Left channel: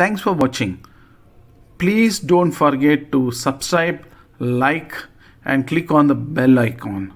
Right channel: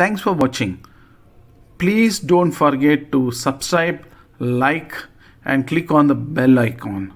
Thanks for watching. Please don't forget to subscribe, like, and click on the bell icon.